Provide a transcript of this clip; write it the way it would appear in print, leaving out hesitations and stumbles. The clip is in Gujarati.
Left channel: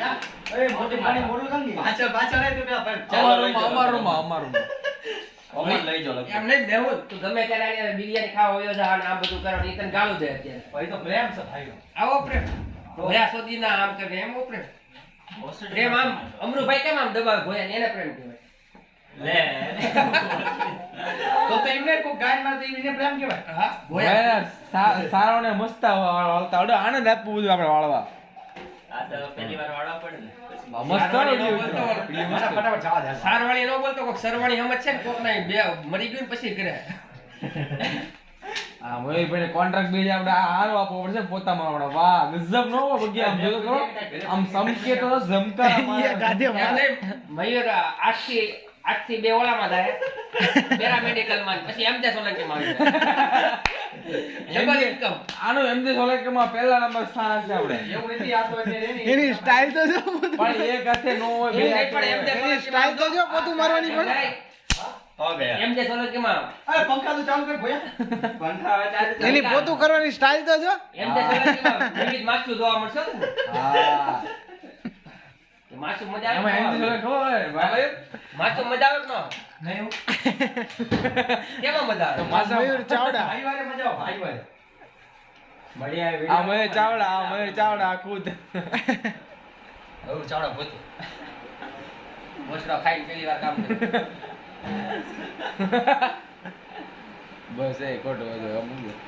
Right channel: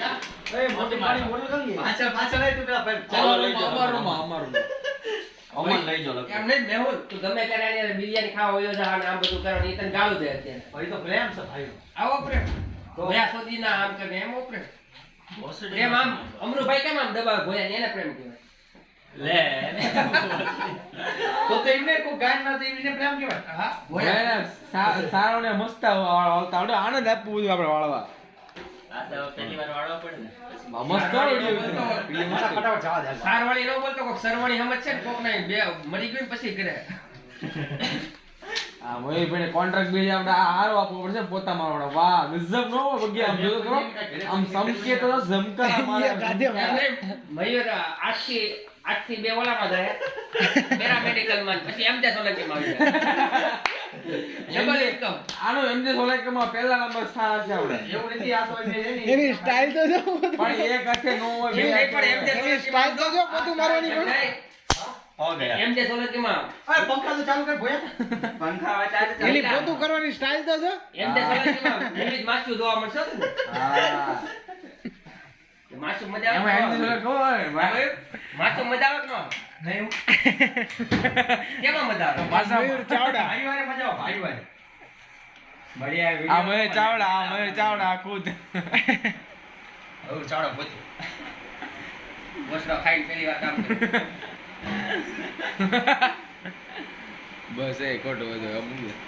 એ મોટી પાણી મોટલ કાંગી પાછળ લઈ તું પેલા ભાઈ ચાલો લઈ જાઓ. અમારું અમન લઈ જાઓ એમ નહીં દેવું તું ગમે ત્યારે આને બિરયાની ખાવા હોય જા આમ બધું કરો ઈ તને ગાળું દે અત્યારે ભાઈ તો પ્રેમ છે ભાઈ આવો પ્રેમ ભોયા સોદી ના આમ કરે એમ પ્રેમ પ્રેમ આમ અમરુભાઈ કેમ આમ દબાવ ભોયા એને પ્રેમ કહેવાય લે તો એમને કોઈ ગાય ના તો એને પ્રેમ કહેવાય હા ભોયા સારો ને મસ્ત આવતા આવડે આનંદ આપવું બધું આપણે વાળવા આ તો પહેલી વાર વાળવા પડે ને મસ્ત ફટાફટ જવા દે સારવાણી નો બોલતો કોક સરવાણી સમજ છે ને કોક નહીં બે મરી ગયું ને પછી કરે આ મોય ભાઈ કોન્ટ્રાક્ટ બેજ આપણે હારો આપવો પડશે પોતામાં આપણે વાહ ગજબ નો બગી આમ જોતો કરો આમ સમકે તો જમકા એમ નહીં, મયુર આઠથી બે ઓલામાં જાય પેરામેડિકલ માં પછી એમ જે સોલંકી માં આવી જાય ડબલ ઇન્કમ આનો એમજે સોલંકીમાં પહેલા નંબર સ્થાન હશે આપણે એવું નથી આ તો એની સ્ટાઇલ તો જો પણ એક હાથે નો હોય બે એમ નહીં પણ એમ જે એની સ્ટાઇલ તો જો પોતું મારવાની પણ હો ગયા એમ જે સોલંકી માં અરે પંખા તો ચાલુ કર ભોયા પંખા હવે ચાલે છે. એની પોતું કરવાની સ્ટાઇલ તો જો એમ જે સોલંકી માં વિવિધ માછું જોવા મળશે ને હા માછું મજા એમાં આવે એમજે સોલંકી હોય ભાઈ માછું મજા આવે કે ન આવે? નહીં કેમાં મજા આવે મયુર ચાવડા ભાઈ વારે મજા આવે ભાઈ વારે મળ્યા આ મયુર ચાવડા ખુદ હવે ચાવડા પોતે મોસરો ખાઈને પહેલી વાર કામ કર્યું બસ એ ખોટું બધું અમુક